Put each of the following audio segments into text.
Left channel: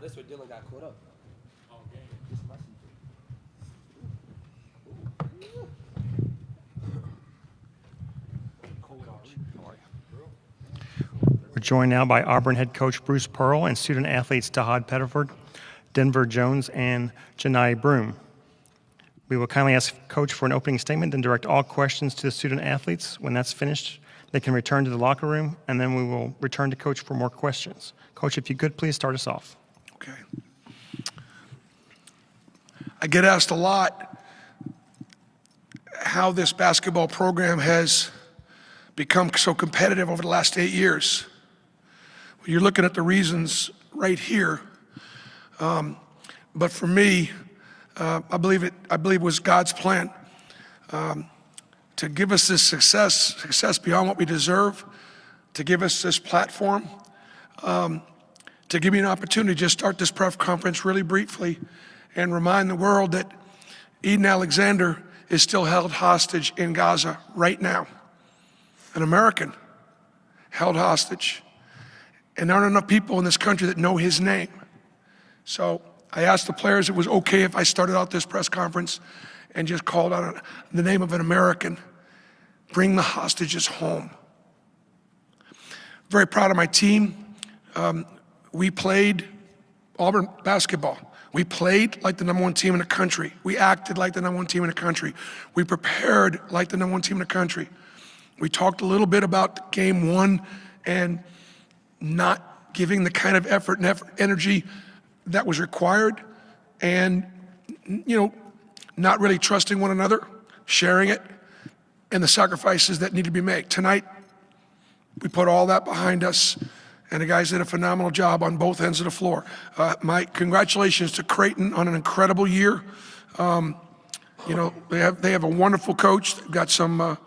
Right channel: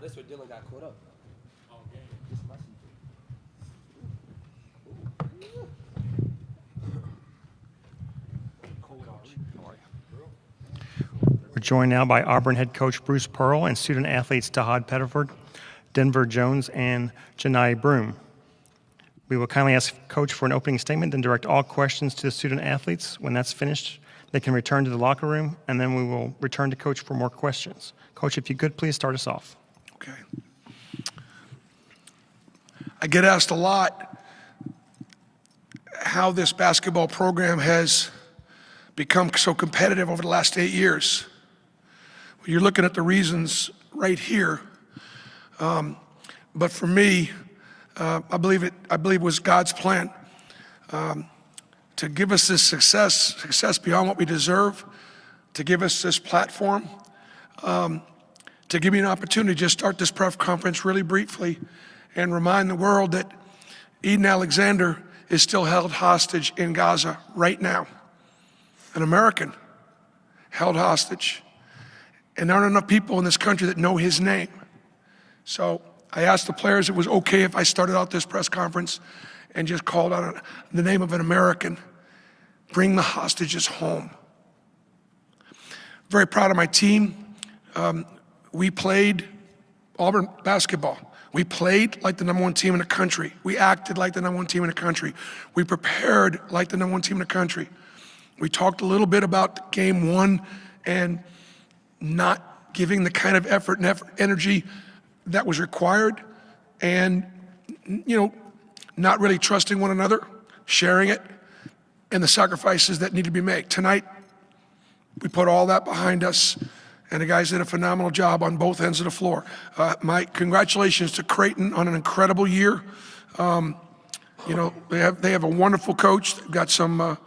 that's where Dylan got caught up. We're joined now by Auburn head coach Bruce Pearl and student athletes Tahaad Pettiford, Denver Jones, and Johni Broome. We will kindly ask Coach for an opening statement, then direct all questions to the student athletes. When that's finished, they can return to the locker room, and then we will return to Coach for more questions. Coach, if you could, please start us off. Okay. I get asked a lot how this basketball program has become so competitive over the last 8 years. You're looking at the reasons right here. But for me, I believe it was God's plan to give us this success beyond what we deserve, to give us this platform, to give me an opportunity to just start this press conference really briefly and remind the world that Eden Alexander is still held hostage in Gaza right now. An American held hostage. And there aren't enough people in this country that know his name. So I asked the players if it was okay if I started out this press conference and just called out the name of an American. Bring the hostages home. Very proud of my team. We played Auburn basketball. We played like the #1 team in the country. We acted like the #1 team in the country. We prepared like the #1 team in the country. We talked a little bit about game one and not giving the kind of effort and energy that was required, and not really trusting one another, sharing it, and the sacrifices that need to be made. Tonight, we put all that behind us, and the guys did a phenomenal job on both ends of the floor. My congratulations to Creighton on an incredible year. They have a wonderful coach. They've got some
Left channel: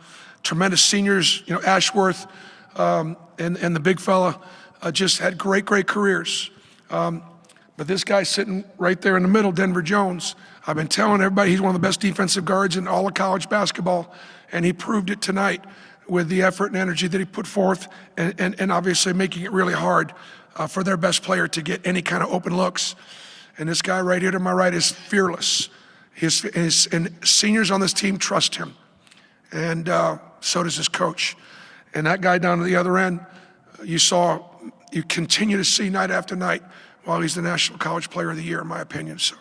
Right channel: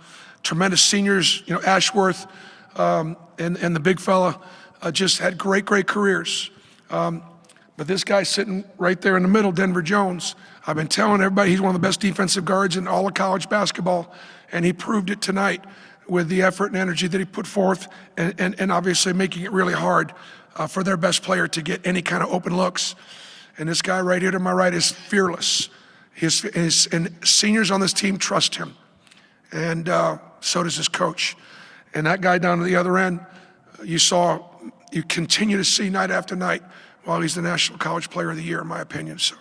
tremendous seniors. Ashworth and the big fella just had great careers. But this guy sitting right there in the middle, Denver Jones, I've been telling everybody he's one of the best defensive guards in all of college basketball, and he proved it tonight with the effort and energy that he put forth, and obviously making it really hard for their best player to get any kind of open looks. And this guy right here to my right is fearless. And seniors on this team trust him, and so does his coach. And that guy down to the other end, you continue to see night after night while he's the National College Player of the Year, in my opinion. So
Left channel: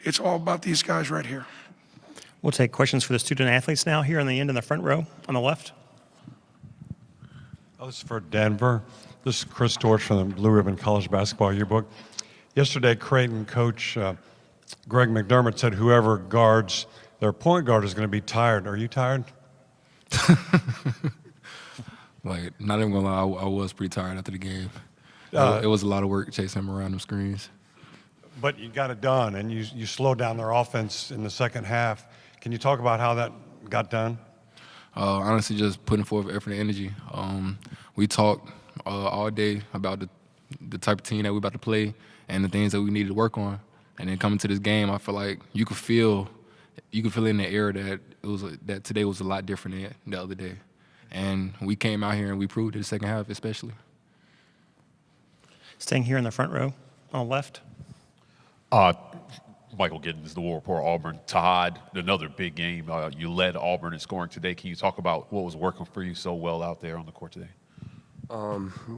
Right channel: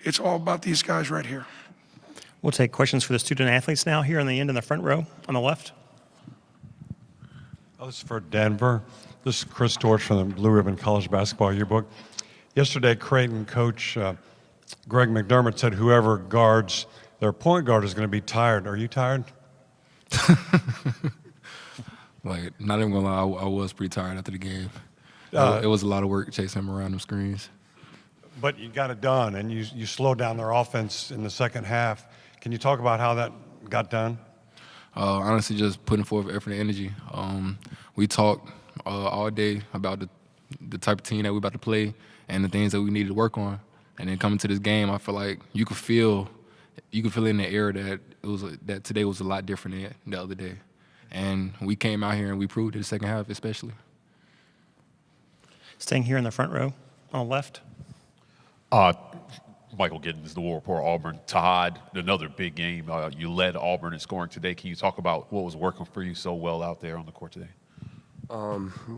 it's all about these guys right here. We'll take questions for the student athletes now here on the end in the front row on the left. This is for Denver. This is Chris Dortch from the Blue Ribbon College Basketball Yearbook. Yesterday, Creighton coach Greg McDermott said whoever guards their point guard is going to be tired. Are you tired? Not even gonna lie, I was pretty tired after the game. It was a lot of work chasing him around them screens. But you got it done, and you slowed down their offense in the second half. Can you talk about how that got done? Honestly, just putting forth effort and energy. We talked all day about the type of team that we're about to play and the things that we needed to work on. And then coming to this game, I feel like you could feel in the air that today was a lot different than the other day. And we came out here and we proved it the second half especially. Staying here in the front row on the left. Michael Giddens, the War Report, Auburn. Tahaad, another big game. You led Auburn in scoring today. Can you talk about what was working for you so well out there on the court today?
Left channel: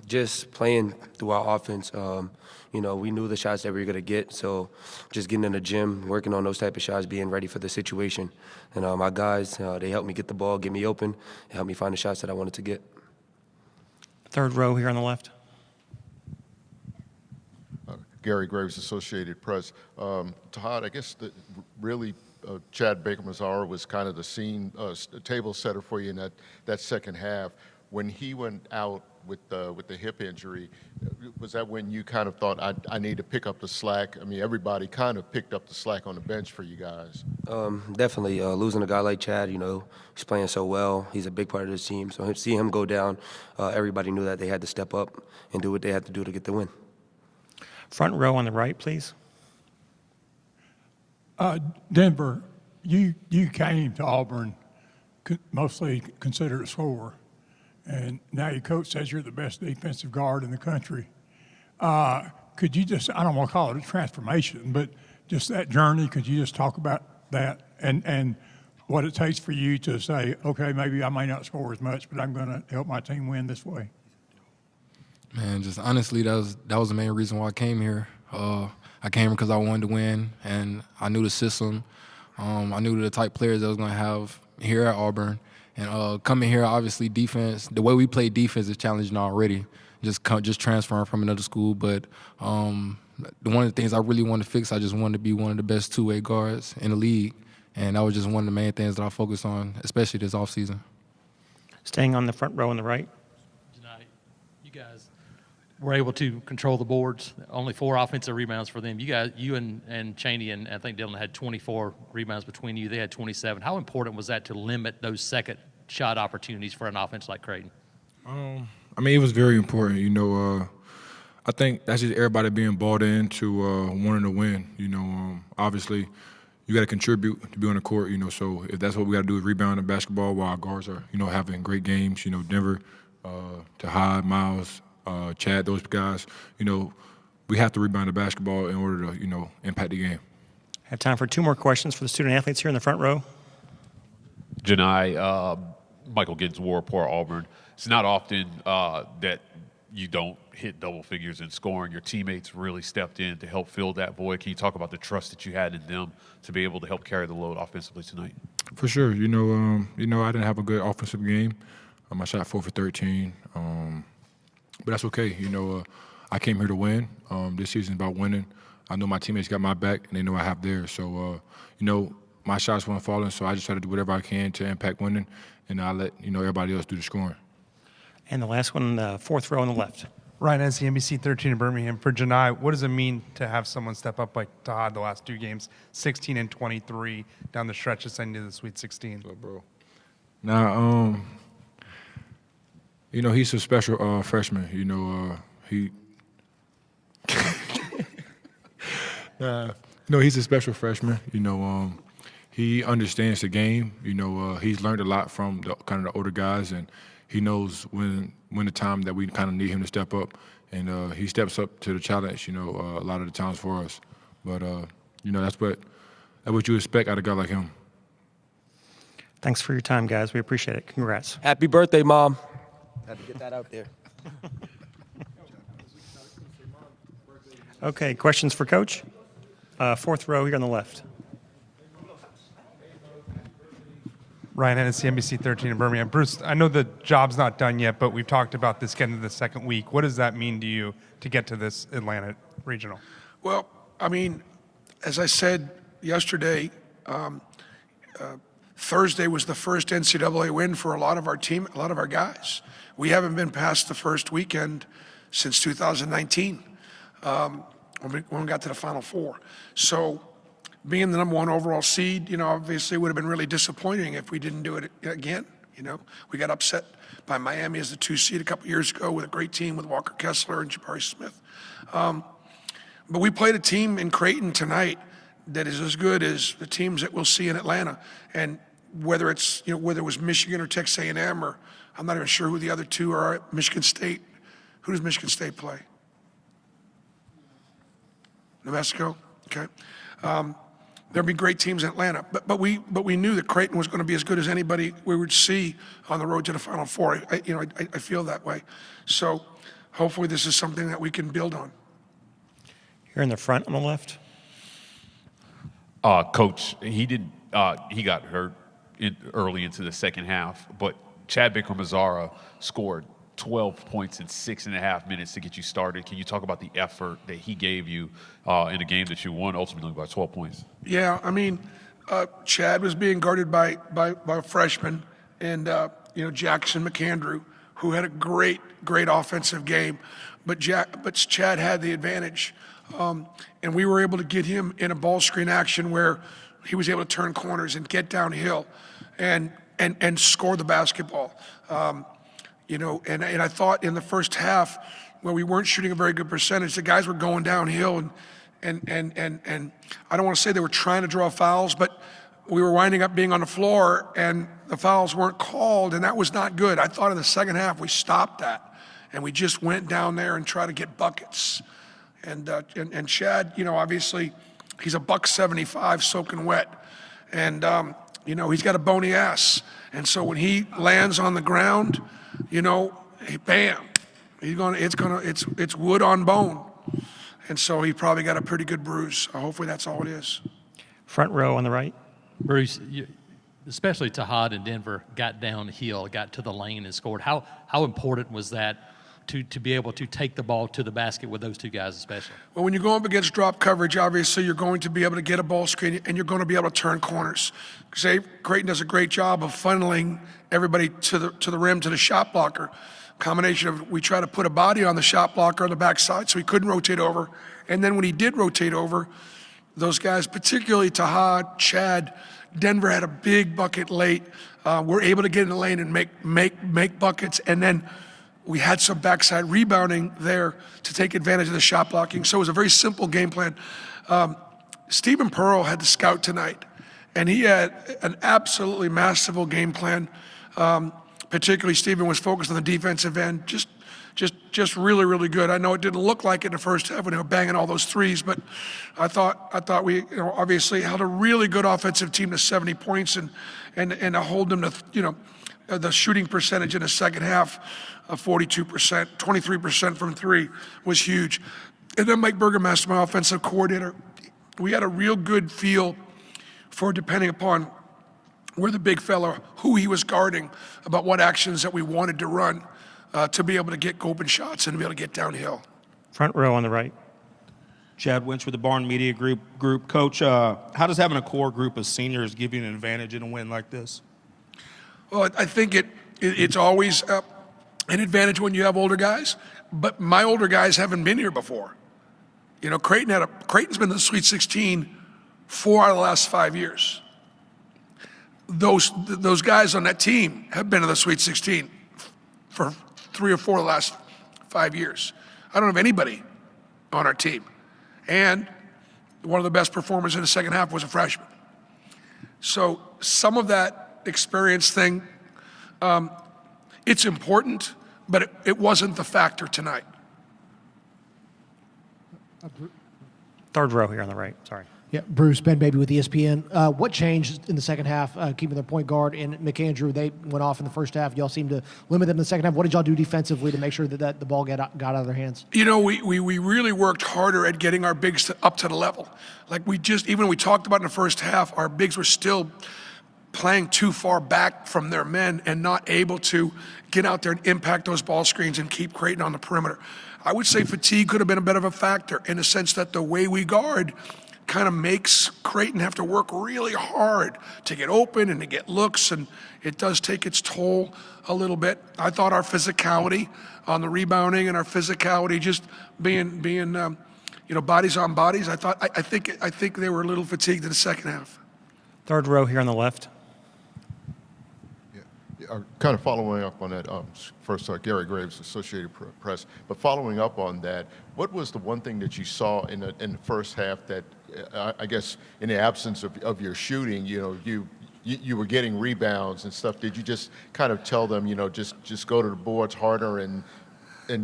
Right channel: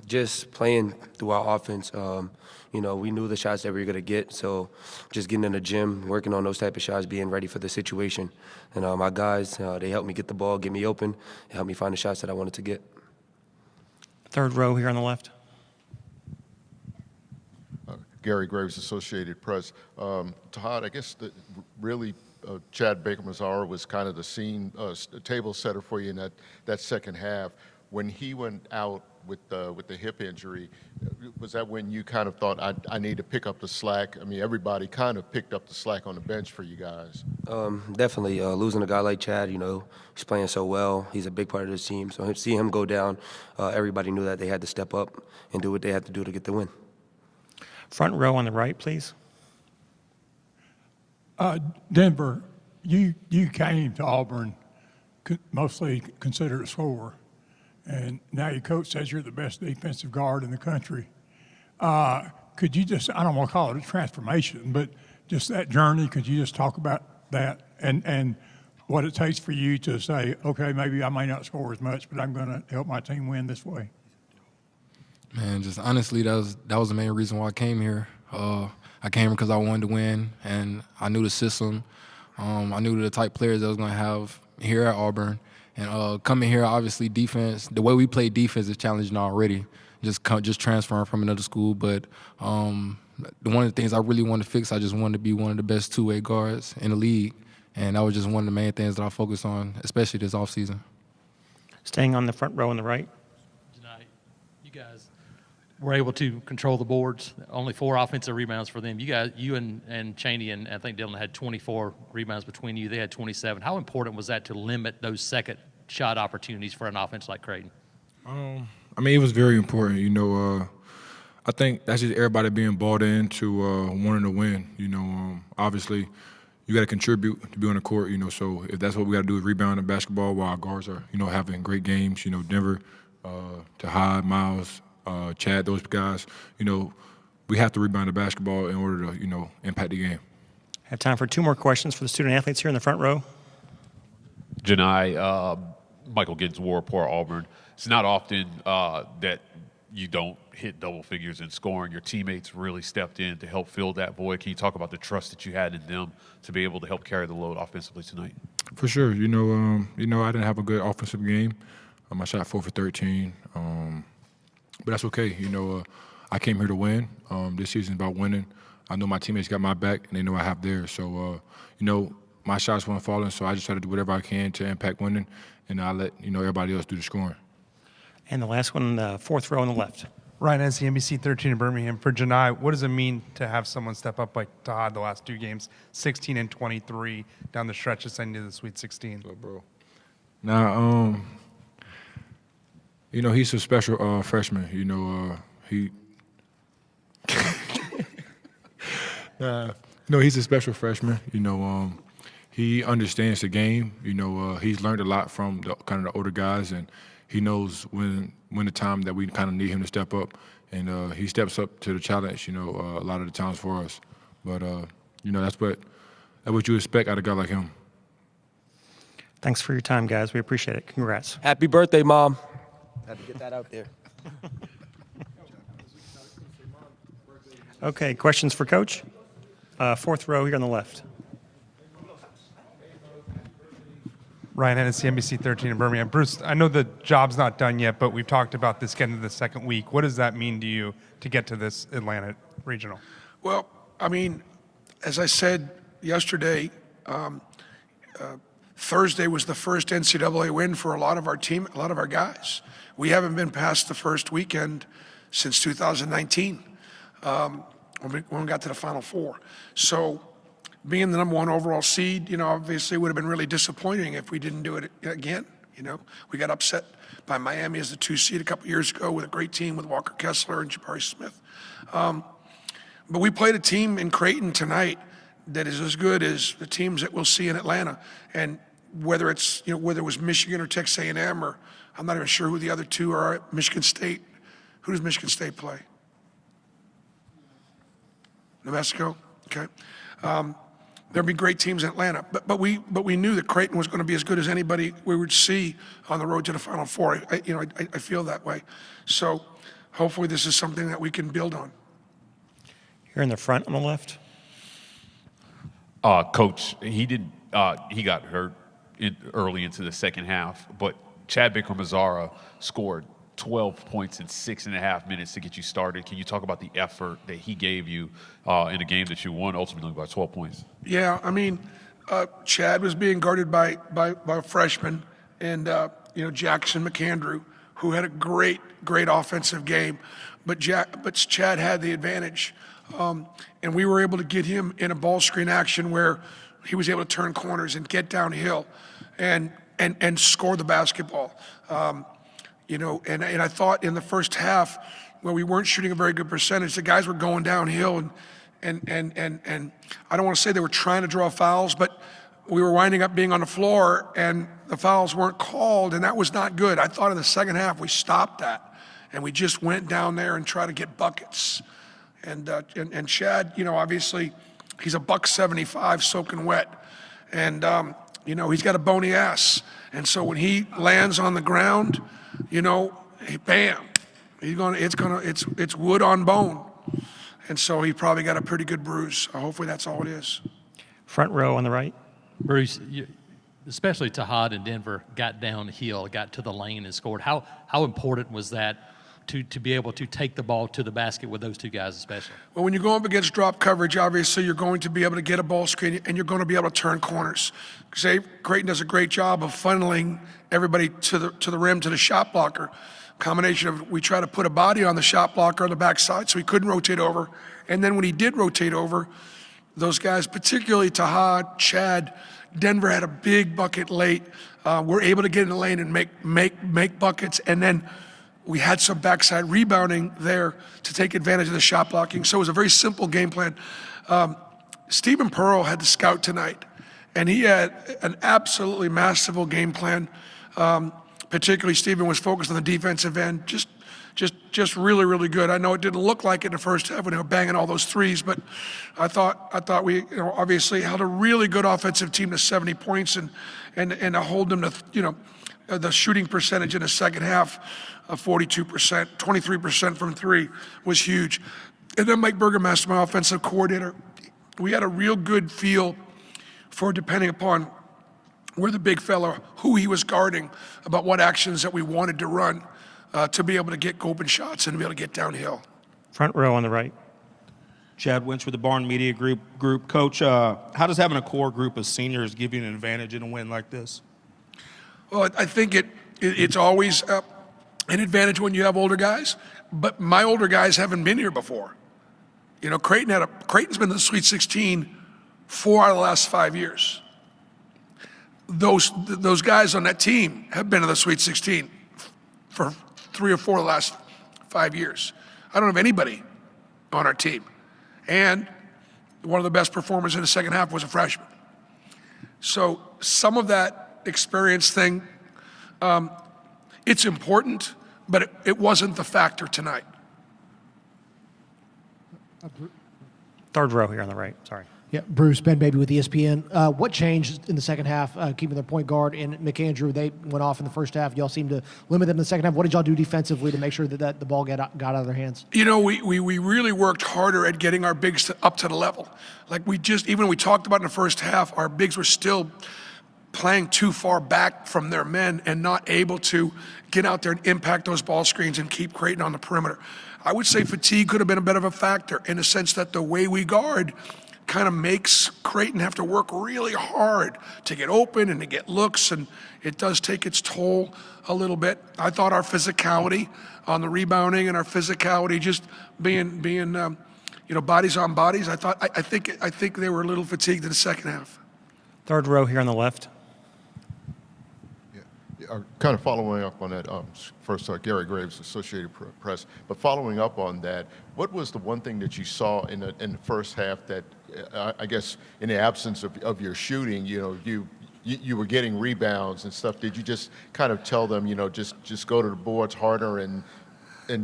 Just playing through our offense. We knew the shots that we were going to get, so just getting in the gym, working on those type of shots, being ready for the situation. And my guys, they helped me get the ball, get me open, and helped me find the shots that I wanted to get. Third row here on the left. Gary Graves, Associated Press. Tahaad, I guess Chad Baker-Mazara was kind of the table setter for you in that second half. When he went out with the hip injury, was that when you kind of thought, I need to pick up the slack? I mean, everybody kind of picked up the slack on the bench for you guys. Definitely. Losing a guy like Chad, he's playing so well. He's a big part of this team. So seeing him go down, everybody knew that they had to step up and do what they had to do to get the win. Front row on the right, please. Denver, you came to Auburn mostly considered a scorer, and now your coach says you're the best defensive guard in the country. could you just, I don't want to call it a transformation, but just that journey, could you just talk about that and what it takes for you to say, okay, maybe I may not score as much, but I'm going to help my team win this way? Man, just honestly, that was the main reason why I came here. I came here because I wanted to win, and I knew the system. I knew the type of players that I was going to have here at Auburn. And coming here, obviously, defense, the way we play defense is challenging already, just transferring from another school. But one of the things I really wanted to fix, I just wanted to be one of the best two-way guards in the league. And that was just one of the main things that I focused on, especially this offseason. Staying on the front row on the right. Tonight, you guys were able to control the boards. Only 4 offensive rebounds for them. You and Johni and I think Dylan had 24 rebounds between you. They had 27. How important was that to limit those second shot opportunities for an offense like Creighton? I mean, it was very important. I think that's just everybody being bought into wanting to win. Obviously, you got to contribute to be on the court. So if that's what we got to do is rebound in basketball while our guards are, having great games. Denver, Tahaad, Miles, Chad, those guys. We have to rebound the basketball in order to, impact the game. Have time for 2 more questions for the student athletes here in the front row. Johni, Michael Giddens, War, Auburn. It's not often that you don't hit double figures in scoring. Your teammates really stepped in to help fill that void. Can you talk about the trust that you had in them to be able to help carry the load offensively tonight? For sure. I didn't have a good offensive game. I shot 4 for 13. But that's okay. I came here to win. This season's about winning. I know my teammates got my back, and they know I have theirs. So, my shots weren't falling, so I just try to do whatever I can to impact winning, and I let, everybody else do the scoring. And the last one, the 4th row on the left. Ryan, NCAA 13 in Birmingham. For Johni, what does it mean to have someone step up like Tahaad the last 2 games, 16 and 23 down the stretch ascending to the Sweet 16? So, bro. Now, he's a special freshman. He's a special freshman. He understands the game. He's learned a lot from the older guys, and he knows when the time that we kind of need him to step up, and he steps up to the challenge. A lot of the times for us. But that's what you expect out of a guy like him. Thanks for your time, guys. We appreciate it. Congrats. Happy birthday, Mom. Had to get that out there. Okay, questions for Coach? 4th row here on the left. Ryan, NCAA 13 in Birmingham. Bruce, I know the job's not done yet, but we've talked about this getting to the second week. What does that mean to you to get to this Atlanta regional? Well, I mean, as I said yesterday, Thursday was the first NCAA win for a lot of our team, a lot of our guys. We haven't been past the first weekend since 2019 when we got to the Final Four. So being the number 1 overall seed, obviously would have been really disappointing if we didn't do it again. We got upset by Miami as the 2 seed a couple years ago with a great team with Walker Kessler and Jabari Smith. But we played a team in Creighton tonight that is as good as the teams that we'll see in Atlanta. And whether it's, whether it was Michigan or Texas A&M, or I'm not even sure who the other 2 are, Michigan State. Who does Michigan State play? New Mexico? Okay. There'd be great teams in Atlanta, but we knew that Creighton was going to be as good as anybody we would see on the road to the Final Four. I feel that way. So hopefully this is something that we can build on. Here in the front on the left. Coach, he got hurt early into the second half, but Chad Baker-Mazara scored 12 points in 6.5 minutes to get you started. Can you talk about the effort that he gave you in a game that you won ultimately by 12 points? Yeah, I mean, Chad was being guarded by a freshman, and Jackson McAndrew, who had a great offensive game, but Chad had the advantage, and we were able to get him in a ball screen action where he was able to turn corners and get downhill, and score the basketball. And I thought in the first half, where we weren't shooting a very good percentage, the guys were going downhill, and I don't want to say they were trying to draw fouls, but we were winding up being on the floor, and the fouls weren't called, and that was not good. I thought in the second half we stopped that, and we just went down there and tried to get buckets. And Chad, obviously he's a $175 soaking wet, and he's got a bony ass, and so when he lands on the ground, bam, it's wood on bone, and so he probably got a pretty good bruise. Hopefully that's all it is. Front row on the right. Bruce, especially Tahaad in Denver, got downhill, got to the lane and scored. How important was that to be able to take the ball to the basket with those two guys especially? Well, when you go up against drop coverage, obviously you're going to be able to get a ball screen and you're going to be able to turn corners. Creighton does a great job of funneling everybody to the rim, to the shot blocker. Combination of we try to put a body on the shot blocker on the backside so he couldn't rotate over. And then when he did rotate over, those guys, particularly Tahaad, Chad, Denver had a big bucket late. We're able to get in the lane and make buckets, and then we had some backside rebounding there to take advantage of the shot blocking. So it was a very simple game plan. Stephen Pearl had the scout tonight, and he had an absolutely masterful game plan. Particularly, Stephen was focused on the defensive end, just really, really good. I know it didn't look like it in the first half when they were banging all those threes, but I thought we obviously held a really good offensive team to 70 points and to hold them to the shooting percentage in the second half of 42%, 23% from three was huge. And then Mike Burgermaster, my offensive coordinator, we had a real good feel for, depending upon where the big fella, who he was guarding, about what actions that we wanted to run to be able to get open shots and to be able to get downhill. Front row on the right. Chad Winch with the Barn Media Group. Coach, how does having a core group of seniors give you an advantage in a win like this? Well, I think it's always an advantage when you have older guys, but my older guys haven't been here before. Creighton's been in the Sweet 16 4 out of the last 5 years. Those guys on that team have been in the Sweet 16 for 3 or 4 of the last 5 years. I don't have anybody on our team. And one of the best performers in the second half was a freshman. So some of that experience thing, it's important, but it wasn't the factor tonight. Third row here on the right. Sorry. Yeah, Bruce, Ben Baby with ESPN. What changed in the second half, keeping their point guard and McAndrew? They went off in the first half. Y'all seemed to limit them in the second half. What did y'all do defensively to make sure that the ball got out of their hands? We really worked harder at getting our bigs up to the level. Like even when we talked about in the first half, our bigs were still playing too far back from their men and not able to get out there and impact those ball screens and keep Creighton on the perimeter. I would say fatigue could have been a bit of a factor in the sense that the way we guard kind of makes Creighton have to work really hard to get open and to get looks, and it does take its toll a little bit. I thought our physicality on the rebounding and our physicality just being bodies on bodies, I think they were a little fatigued in the second half. Third row here on the left. Kind of following up on that, first Gary Graves, Associated Press, but following up on that, what was the one thing that you saw in the first half that I guess in the absence of your shooting, you were getting rebounds and stuff? Did you just kind of tell them, just go to the boards harder and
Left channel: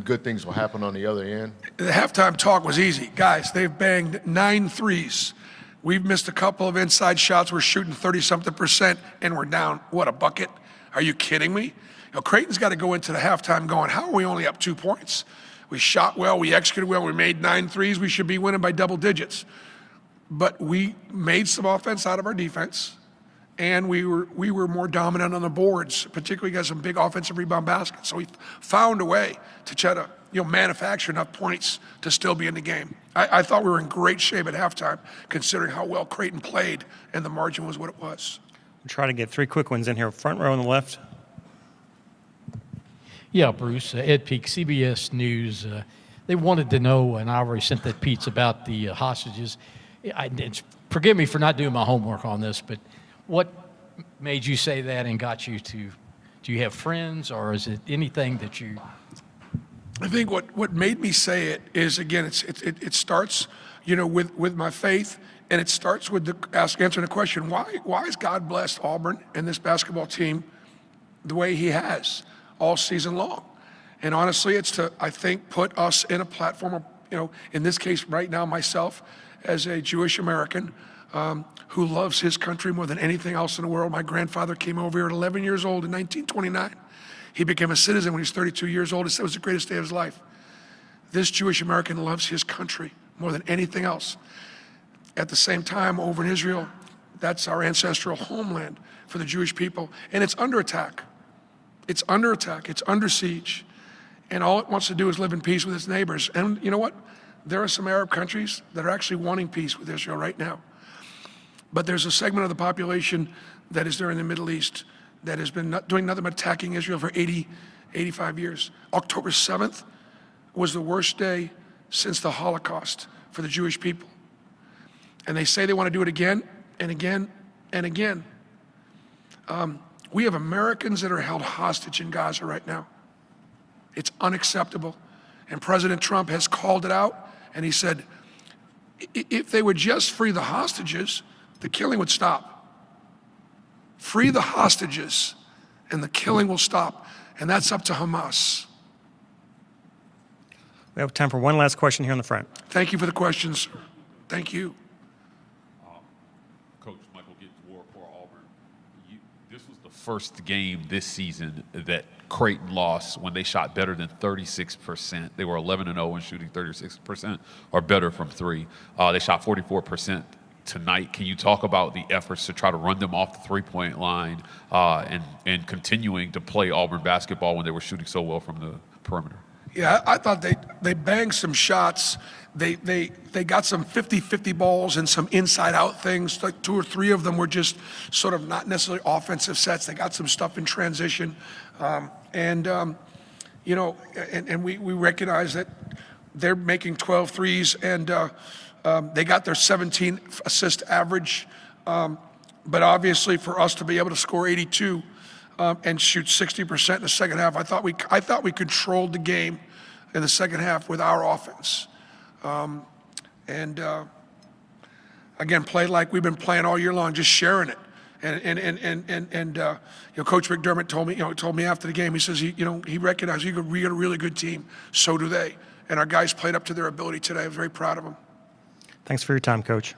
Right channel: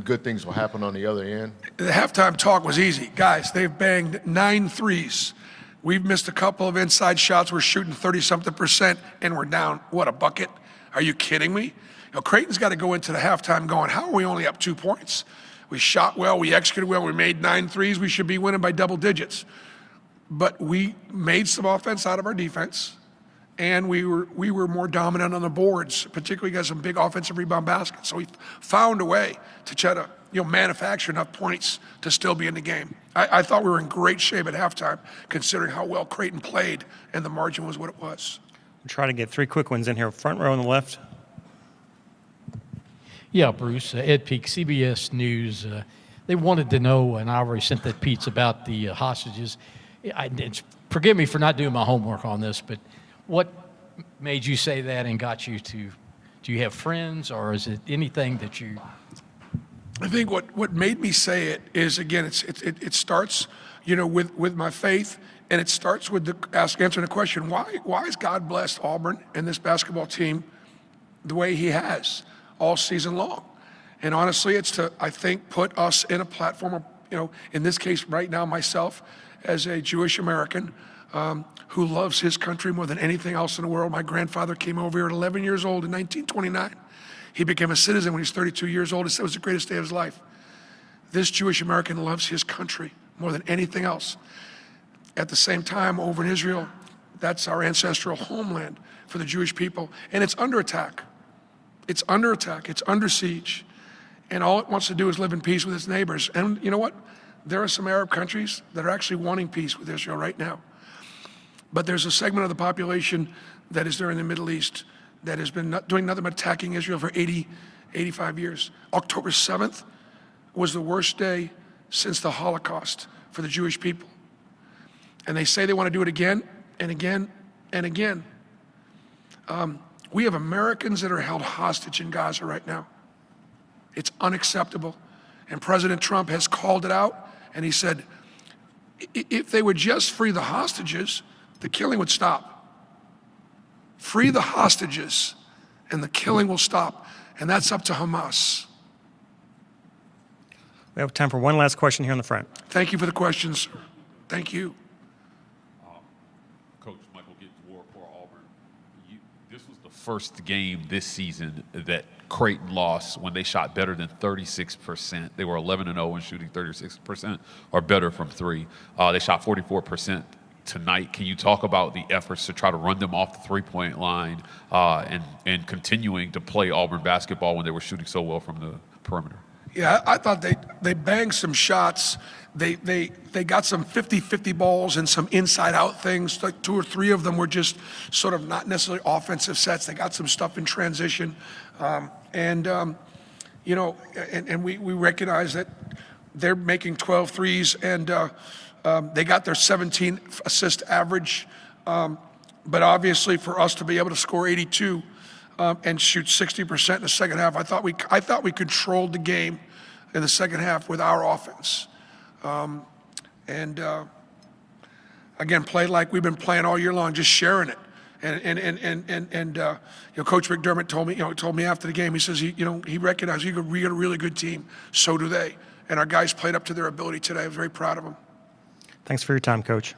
good things will happen on the other end? The halftime talk was easy. Guys, they've banged 9 threes. We've missed a couple of inside shots. We're shooting 30-something%, and we're down, a bucket? Are you kidding me? Creighton's got to go into the halftime going, how are we only up 2 points? We shot well, we executed well, we made 9 threes. We should be winning by double digits. But we made some offense out of our defense, and we were more dominant on the boards, particularly got some big offensive rebound baskets. So we found a way to try to manufacture enough points to still be in the game. I thought we were in great shape at halftime, considering how well Creighton played, and the margin was what it was. We'll try to get 3 quick ones in here. Front row on the left. Yeah, Bruce, Ed Peak, CBS News. They wanted to know, and I already sent that piece about the hostages. Forgive me for not doing my homework on this, but what made you say that and got you to? Do you have friends, or is it anything that you? I think what made me say it is, again, it starts, with my faith, and it starts with answering the question: why has God blessed Auburn and this basketball team the way He has all season long? And honestly, it's to, I think, put us in a platform in this case right now, myself, as a Jewish American who loves his country more than anything else in the world. My grandfather came over here at 11 years old in 1929. He became a citizen when he was 32 years old. It was the greatest day of his life. This Jewish American loves his country more than anything else. At the same time, over in Israel, that's our ancestral homeland for the Jewish people, and it's under attack. It's under attack. It's under siege. And all it wants to do is live in peace with its neighbors. And you know what? There are some Arab countries that are actually wanting peace with Israel right now. But there's a segment of the population that is there in the Middle East that has been doing nothing but attacking Israel for 85 years. October 7th was the worst day since the Holocaust for the Jewish people. And they say they want to do it again and again and again. We have Americans that are held hostage in Gaza right now. It's unacceptable. And President Trump has called it out, and he said, if they would just free the hostages, the killing would stop. Free the hostages, and the killing will stop. And that's up to Hamas. We have time for one last question here in the front. Thank you for the questions. Thank you. Coach Michael Gittens-Ward for Auburn. This was the first game this season that Creighton lost when they shot better than 36%. They were 11-0 and shooting 36% or better from three. They shot 44% tonight. Can you talk about the efforts to try to run them off the three-point line and continuing to play Auburn basketball when they were shooting so well from the perimeter? Yeah, I thought they banged some shots. They got some 50-50 balls and some inside-out things. Like 2 or 3 of them were just sort of not necessarily offensive sets. They got some stuff in transition. And we recognize that they're making 12 threes, and they got their 17 assist average. But obviously for us to be able to score 82 and shoot 60% in the second half, I thought we controlled the game in the second half with our offense. Again, played like we've been playing all year long, just sharing it. And Coach McDermott told me after the game, he says he recognized we got a really good team. So do they. And our guys played up to their ability today. I was very proud of them. Thanks for your time, Coach.